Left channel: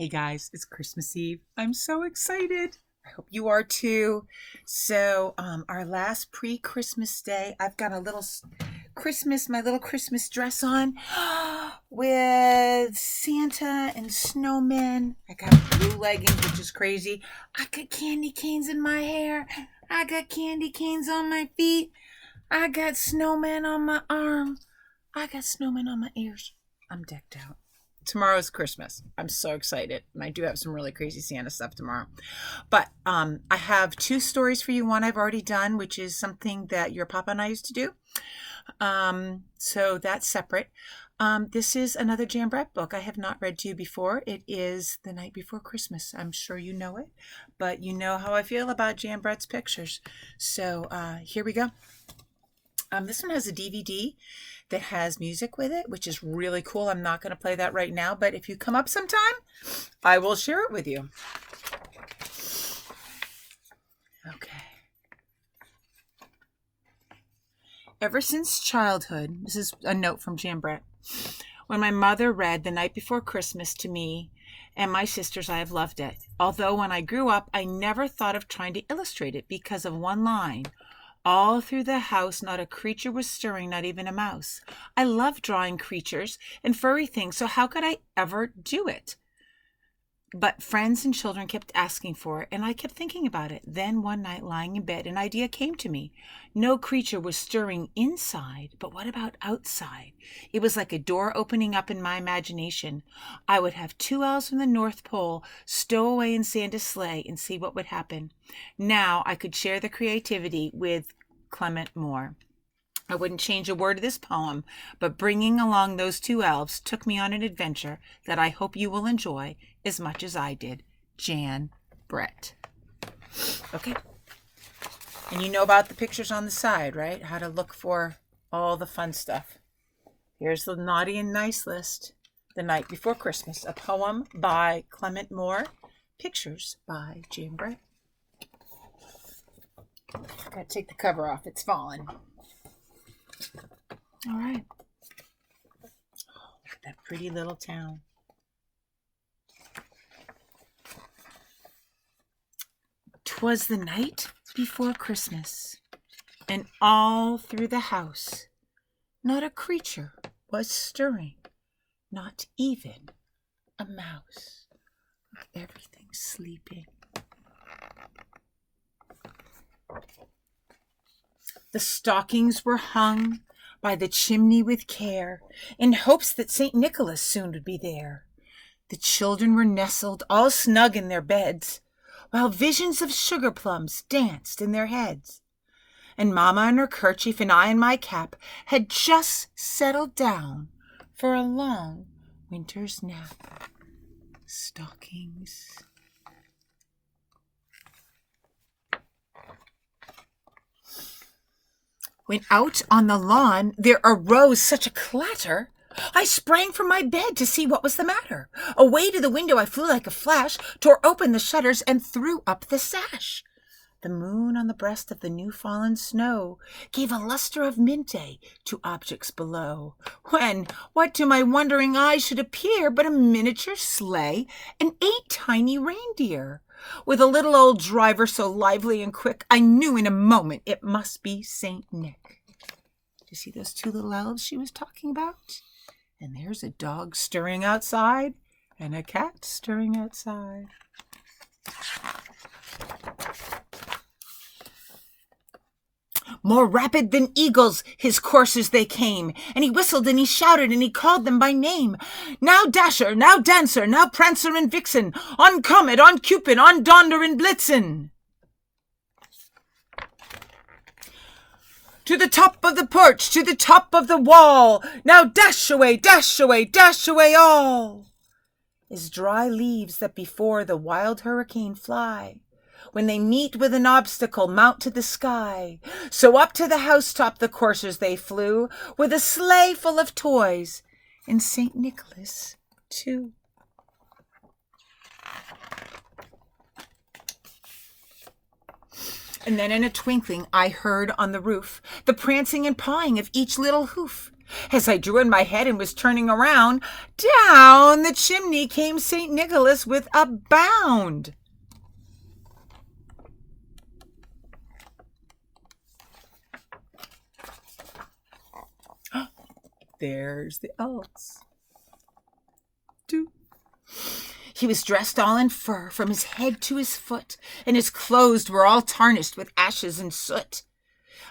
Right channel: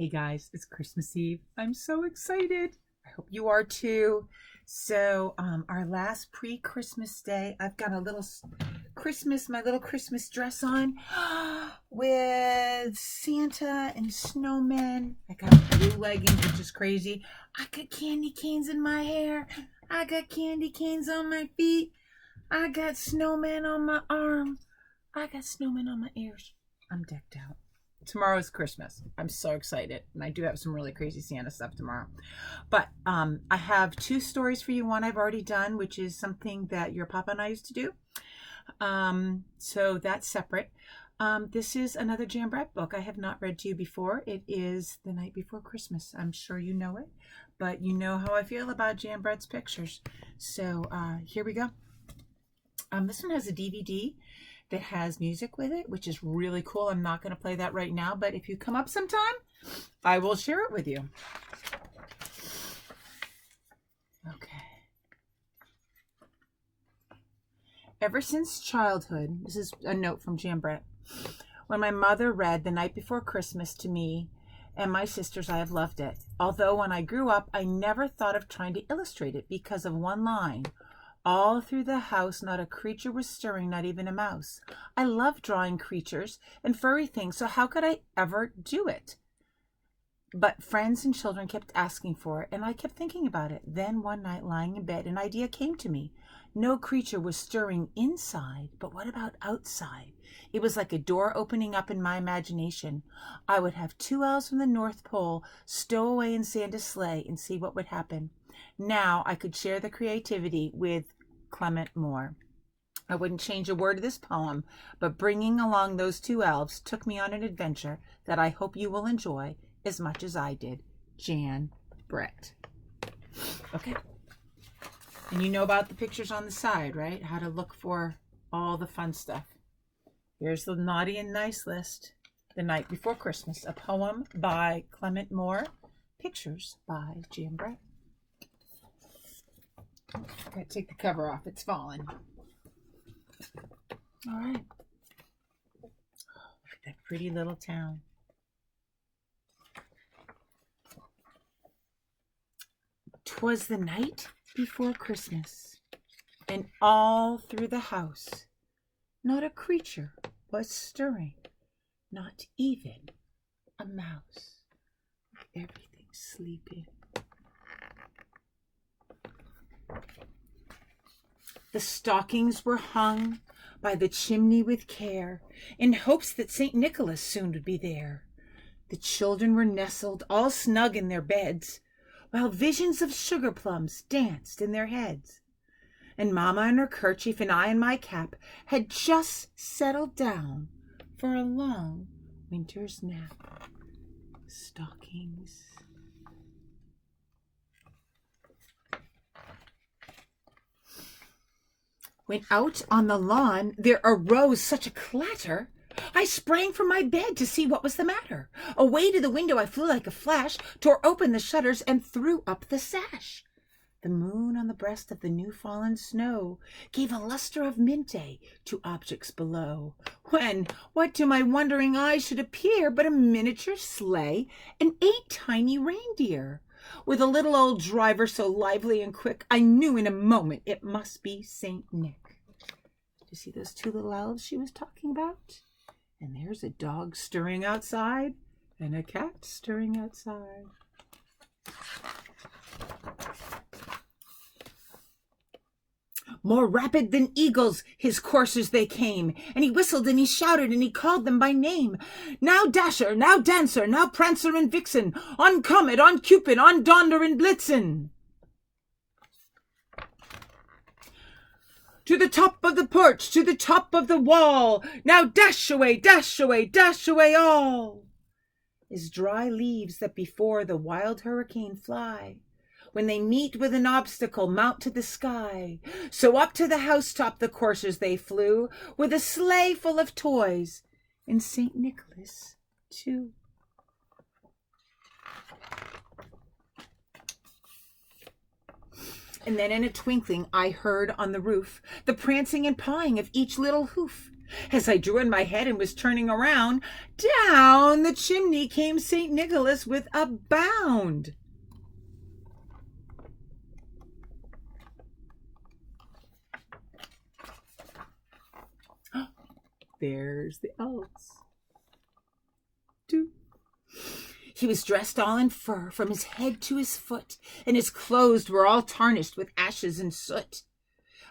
Hey guys, it's Christmas Eve. I'm so excited. I hope you are too. Our last pre-Christmas day, I've got a little my little Christmas dress on with Santa and snowmen. I got blue leggings, which is crazy. I got candy canes in my hair. I got candy canes on my feet. I got snowmen on my arm. I got snowmen on my ears. I'm decked out. Tomorrow's Christmas. I'm so excited. And I do have some really crazy Santa stuff tomorrow. But I have two stories for you. One I've already done, which is something that your papa and I used to do. So that's separate. This is another Jan Brett book I have not read to you before. It is The Night Before Christmas. I'm sure you know it, but you know how I feel about Jan Brett's pictures. So here we go. This one has a DVD that has music with it, which is really cool. I'm not going to play that right now, but if you come up sometime, I will share it with you. Okay. Ever since childhood, this is a note from Jan Brett, when my mother read The Night Before Christmas to me and my sisters, I have loved it. Although when I grew up, I never thought of trying to illustrate it because of one line. All through the house, not a creature was stirring, not even a mouse. I love drawing creatures and furry things, so how could I ever do it? But friends and children kept asking for it, and I kept thinking about it. Then one night, lying in bed, an idea came to me. No creature was stirring inside, but what about outside? It was like a door opening up in my imagination. I would have two elves from the North Pole stow away in Santa's sleigh and see what would happen. Now I could share the creativity with Clement Moore. I wouldn't change a word of this poem, but bringing along those two elves took me on an adventure that I hope you will enjoy as much as I did. Jan Brett. Okay. And you know about the pictures on the side, right? How to look for all the fun stuff. Here's the naughty and nice list. The Night Before Christmas, a poem by Clement Moore. Pictures by Jan Brett. Gotta take the cover off. It's fallen. All right. Oh, look at that pretty little town. 'Twas the night before Christmas, and all through the house not a creature was stirring, not even a mouse. Everything's sleeping. The stockings were hung by the chimney with care, in hopes that St. Nicholas soon would be there. The children were nestled all snug in their beds, while visions of sugar plums danced in their heads. And Mama in her kerchief and I in my cap had just settled down for a long winter's nap. Stockings. When out on the lawn there arose such a clatter, I sprang from my bed to see what was the matter. Away to the window I flew like a flash, tore open the shutters, and threw up the sash. The moon on the breast of the new-fallen snow gave a luster of midday to objects below, when what to my wondering eyes should appear but a miniature sleigh and 8 tiny reindeer. With a little old driver so lively and quick, I knew in a moment it must be Saint Nick. Do you see those two little elves she was talking about? And there's a dog stirring outside and a cat stirring outside. More rapid than eagles his coursers they came, and he whistled and he shouted and he called them by name. Now Dasher, now Dancer, now Prancer and Vixen, on Comet, on Cupid, on Donder and Blitzen. To the top of the porch, to the top of the wall, now dash away, dash away, dash away all. As dry leaves that before the wild hurricane fly, when they meet with an obstacle, mount to the sky. So up to the housetop the coursers they flew, with a sleigh full of toys, and St. Nicholas too. And then in a twinkling I heard on the roof the prancing and pawing of each little hoof. As I drew in my head and was turning around, down the chimney came St. Nicholas with a bound. There's the elves. He was dressed all in fur from his head to his foot, and his clothes were all tarnished with ashes and soot.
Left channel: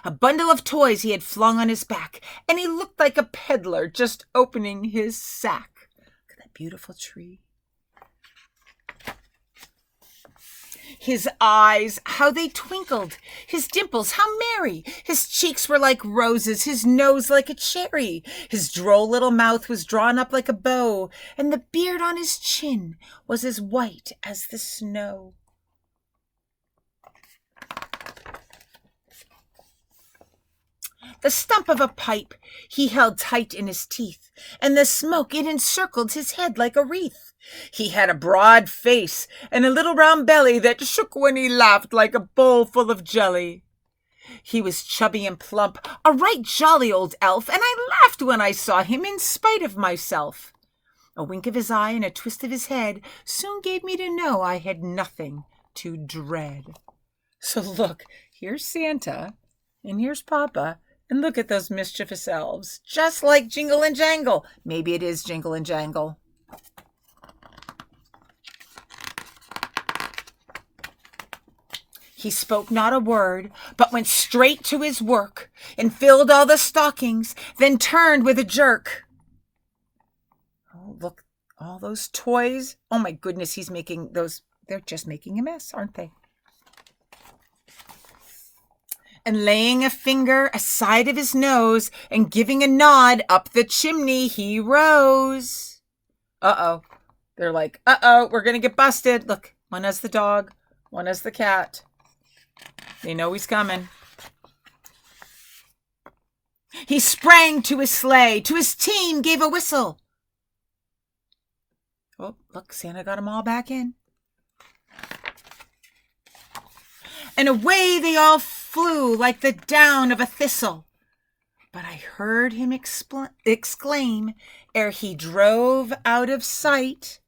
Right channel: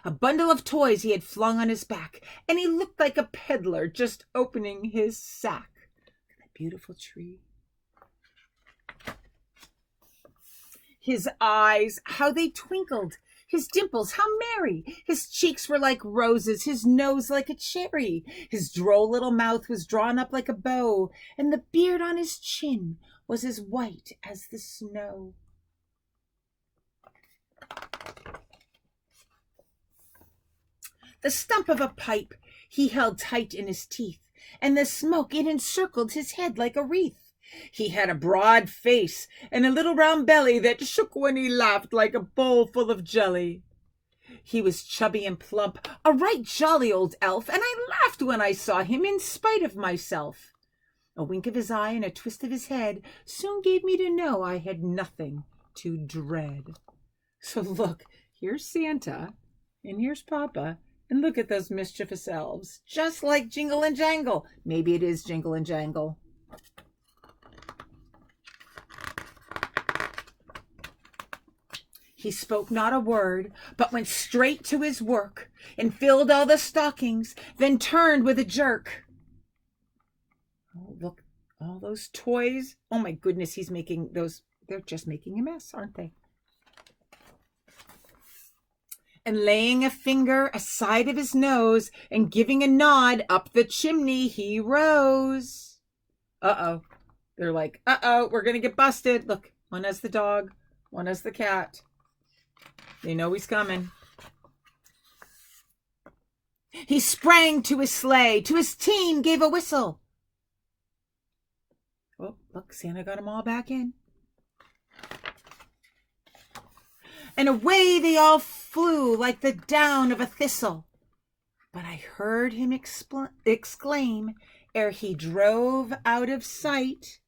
A bundle of toys he had flung on his back, and he looked like a peddler just opening his sack. Look at that beautiful tree. His eyes, how they twinkled, his dimples, how merry. His cheeks were like roses, his nose like a cherry. His droll little mouth was drawn up like a bow, and the beard on his chin was as white as the snow. The stump of a pipe he held tight in his teeth, and the smoke it encircled his head like a wreath. He had a broad face and a little round belly that shook when he laughed like a bowl full of jelly. He was chubby and plump, a right jolly old elf, and I laughed when I saw him in spite of myself. A wink of his eye and a twist of his head soon gave me to know I had nothing to dread. So look, here's Santa, and here's Papa, and look at those mischievous elves, just like Jingle and Jangle. Maybe it is Jingle and Jangle. He spoke not a word, but went straight to his work and filled all the stockings, then turned with a jerk. Oh, look, all those toys. Oh my goodness, he's making those. They're just making a mess, aren't they? And laying a finger aside of his nose and giving a nod up the chimney, he rose. Uh-oh. They're like, uh-oh, we're going to get busted. Look, one has the dog, one has the cat. They know he's coming. He sprang to his sleigh, to his team gave a whistle. Oh, look, Santa got them all back in. And away they all flew like the down of a thistle. But I heard him exclaim, ere he drove out of sight,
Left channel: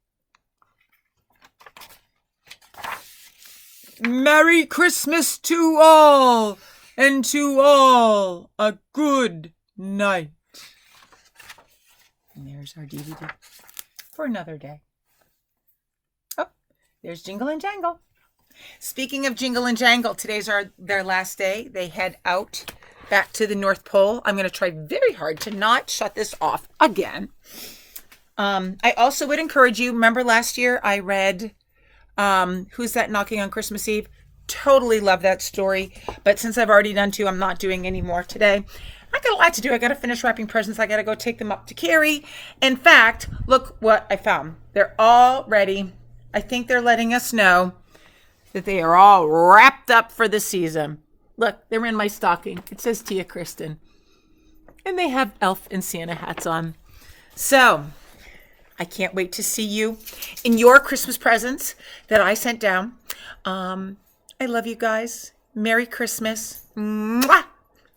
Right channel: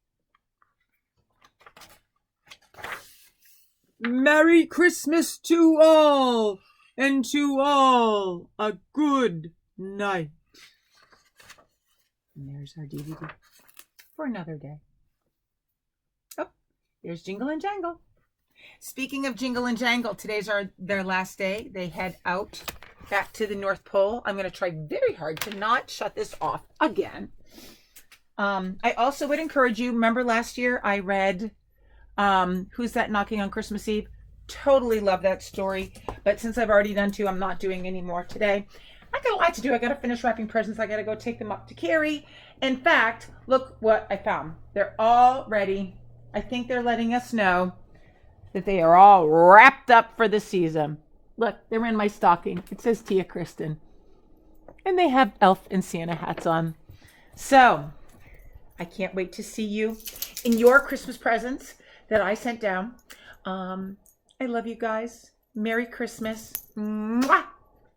"Merry Christmas to all, and to all a good night." And there's our DVD for another day. Oh, there's Jingle and Jangle. Speaking of Jingle and Jangle, today's their last day. They head out back to the North Pole. I'm going to try very hard to not shut this off again. I also would encourage you, remember last year I read Who's That Knocking on Christmas Eve? Totally love that story. But since I've already done 2, I'm not doing any more today. I got a lot to do. I got to finish wrapping presents. I got to go take them up to Carrie. In fact, look what I found. They're all ready. I think they're letting us know that they are all wrapped up for the season. Look, they're in my stocking. It says Tia Kristen. And they have elf and Santa hats on. So I can't wait to see you in your Christmas presents that I sent down. I love you guys. Merry Christmas. Mwah!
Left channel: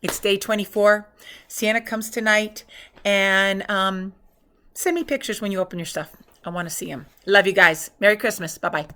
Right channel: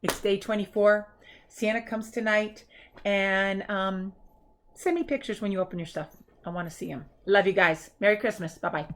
It's day 24. Santa comes tonight. And send me pictures when you open your stuff. I want to see them. Love you guys. Merry Christmas. Bye-bye.